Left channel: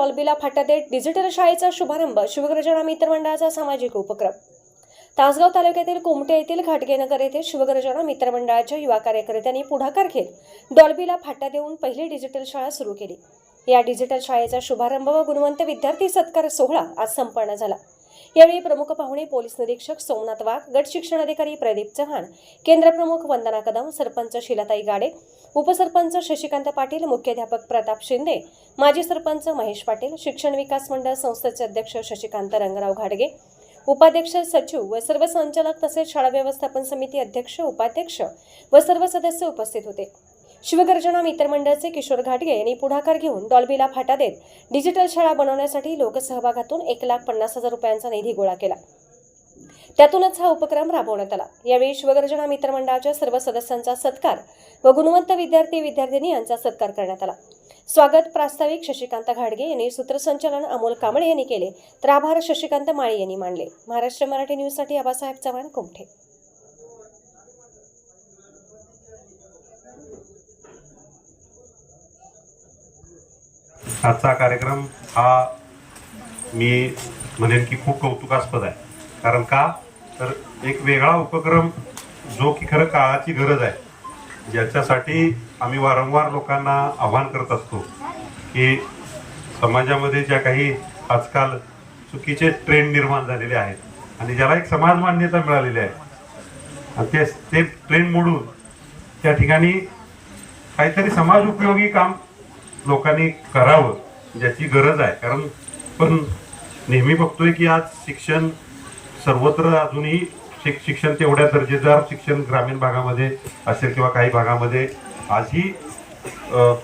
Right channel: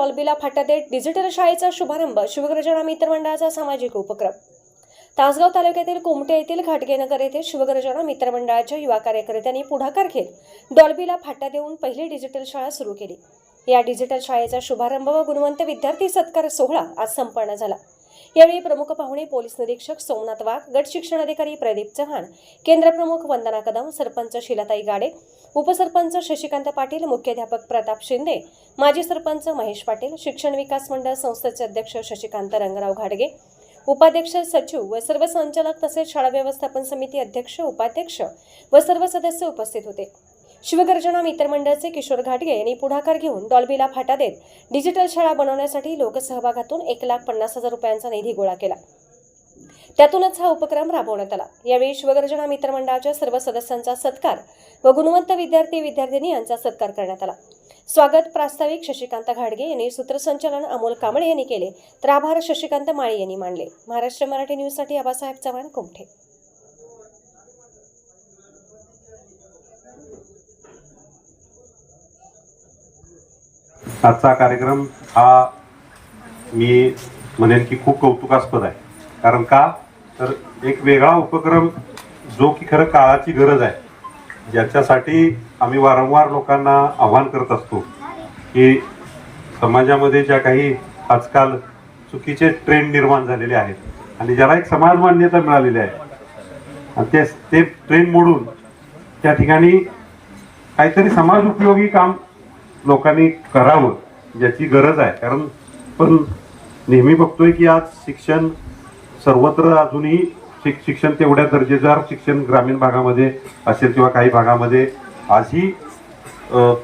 डॉल्बीला फाटा देत डिजिटल शाळेचा शुभारंभ शिवगर्जना मित्रमंडळाचा सामाजिक उपक्रम. तासगाव तालुक्यातील कुमटे येथील घाटगेनगर येथे शिवगर्जना मित्रमंडळाच्या युवा कार्यकर्त्यांनी पुढाकार घेत डॉल्बीला फाटा देऊन पहिली डिजिटल शाळा सुरू केली. या डिजिटल शाळेचा शुभारंभ व गुणवंत विद्यार्थी सत्कार सोहळा आज संपन्न झाला. यावेळी प्रमुख पाहुणे पोलीस निरीक्षक सोमनाथ वाघ गट शिक्षण अधिकारी प्रदीप चव्हाण केंद्रप्रमुख वंदना कदम सरपंच शिलाताई गाडे उपसरपंच शशिकांत पाटील मुख्याध्यापक प्रताप शिंदे माजी सरपंच महेश पाटील शिक्षण विकास मंडळ संस्थेचे अध्यक्ष शशिकांत रंगराव घाडगे उपाध्यक्ष सचिव व सर्व संचालक तसेच शाळा व्यवस्थापन समिती अध्यक्ष उपाध्यक्ष व सर्व सदस्य उपस्थित होते. शिवगर्जना मित्रमंडळचे किशोर घाटगे यांनी पुढाकार घेऊन डॉल्बीला फाटा देत डिजिटल शाळा बनवण्यासाठी लोकसहभागातून एक लाख पन्नास हजार रुपयांचा निधी गोळा केला. त्यातूनच हा उपक्रम राबवण्यात आला. यावेळी शिवगर्जना मित्रमंडळाच्या सर्व सदस्यांचा सत्कार व गुणवंत विद्यार्थी विद्यार्थिनी यांचा सत्कार करण्यात आला. स्वागत प्रास्ताविक शशिकांत घाडगे यांनी सूत्रसंचालन अमोल कांबळे यांनी केले तर आभार शशिकांत माळी यांनी मांडले महाराष्ट्र मराठी न्यूजसाठी आबासाहेब चव्हाण कुमठे. आजचा कार्यक्रम हा मी म्हणेन की खूप कौतुकास्पद आहे. कारण का? तर एक वेगळा उपक्रम जो की खरं काळाची गरज आहे. ज्याच्यासाठी आम्ही वारंवार लोकांना आव्हान करत असतो की समाजामध्ये ज्या काही आजकाल चुकीचे ट्रेंड निर्माण झालेले आहेत आणि ज्याला एक समाज मान्यता मिळालेली आहे. आणि ते ते ट्रेंड मोडून त्या ठिकाणी काहीतरी समाज उपयोगी काम लोकांनी करावं ज्याची गरज आहे. कारण पण नेहमी बघतोय की आज शिक्षण सर्वत्र अजूनही शिक शिक्षण तेवढ्या दर्जेदार शिक्षण ग्रामीण भागामध्ये असेल किंवा काही भागामध्ये आजही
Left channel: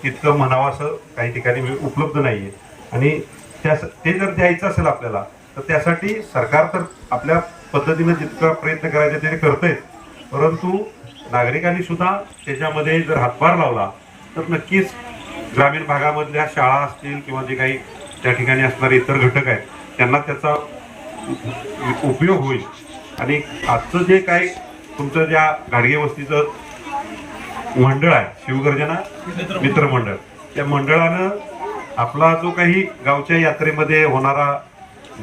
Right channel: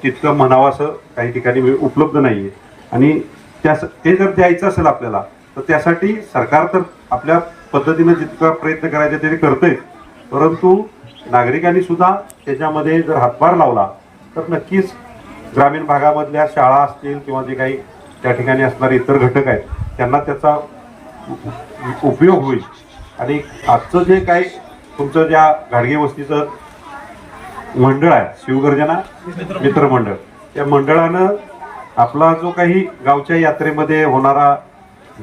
तितकं म्हणावं असं काही ठिकाणी म्हणजे उपलब्ध नाही आहे आणि त्या ते जर द्यायचं असेल आपल्याला तर त्यासाठी सरकार तर आपल्या पद्धतीने जितका प्रयत्न करायचा ते करते परंतु नागरिकांनी सुद्धा त्याच्यामध्ये जर हातभार लावला तर नक्कीच ग्रामीण भागामधल्या शाळा असतील किंवा जे काही त्या ठिकाणी असणारे इतर घटक आहेत त्यांना त्याचा उपयोग होईल. आणि आजचं जे काही तुमचं ज्या गाडगे वस्तीचं मंडळ आहे शिवगर्जना मित्रमंडळ त्या मंडळानं आपला जो काही गावच्या यात्रेमध्ये होणारा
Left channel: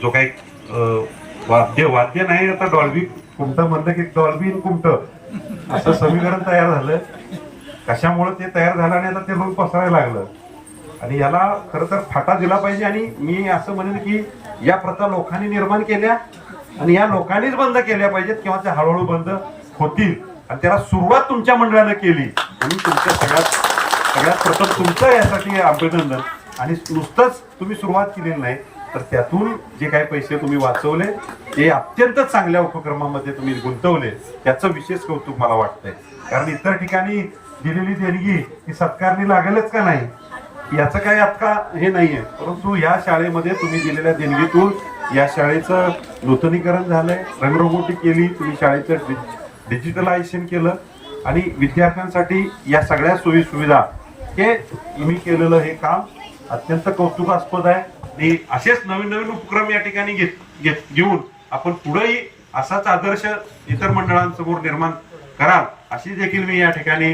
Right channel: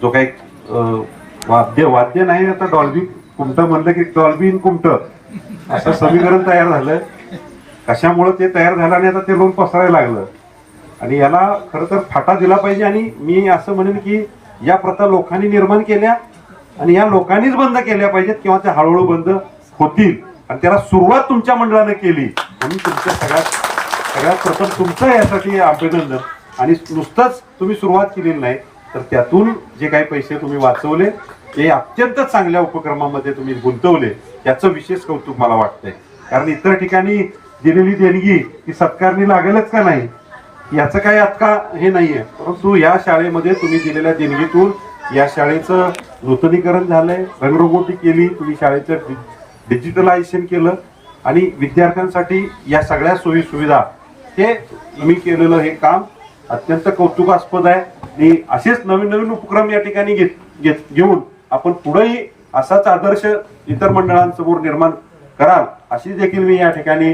जो काही अं, वाद्य वाद्य नाही आता डॉल्बी कुमटं म्हणलं की डॉल्बीन कुमटं असं समीकरण तयार झालं कशामुळं ते तयार झालं आणि आता ते लोन पसरायला लागलं. आणि याला खरं तर फाटा दिला पाहिजे आणि मी असं म्हणेन की या प्रथा लोकांनी निर्माण केल्या आणि या लोकांनीच बंद केल्या पाहिजेत किंवा त्या हळूहळू बंद होतील. आणि त्याला सुरुवात तुमच्या मंडळानं केली. म्हणून तुमच्या सगळ्यात सगळ्यात प्रथम तुमचं यासाठी अभिनंदन. आणि नुसतंच तुम्ही सुरुवात केलेली नाही तर त्यातून जे काही पैसे तुम्ही वाचवले ते अत्यंत चांगल्या उपक्रमामध्ये तुम्ही गुंतवले याचं विशेष कौतुक मला वाटतंय. कारण इतर ठिकाणी दिलेली देणगी ही सत्कारणी लागेलच का नाही? याचं काही आता हे नाहीये. परंतु या शाळेमध्ये तुम्ही दिलेल्या देणगीतून या शाळेचं नूतनीकरण झालंय. रंगरंगोटी केली तुम्ही शाळेचं डि- डिजिटलायझेशन केलं आणि विद्यार्थ्यांसाठी या सगळ्या सोयी सुविधा हे मी केलेलं हे काम अत्यंत कौतुकास्पद आहे. आणि असेच नवीन नवीन उपक्रम या ठिकाणी घेत घेत घेऊन आपण पुढेही असाच आदर्श इतर मंडळांसमोर निर्माण कराल अशी देखील मी या ठिकाणी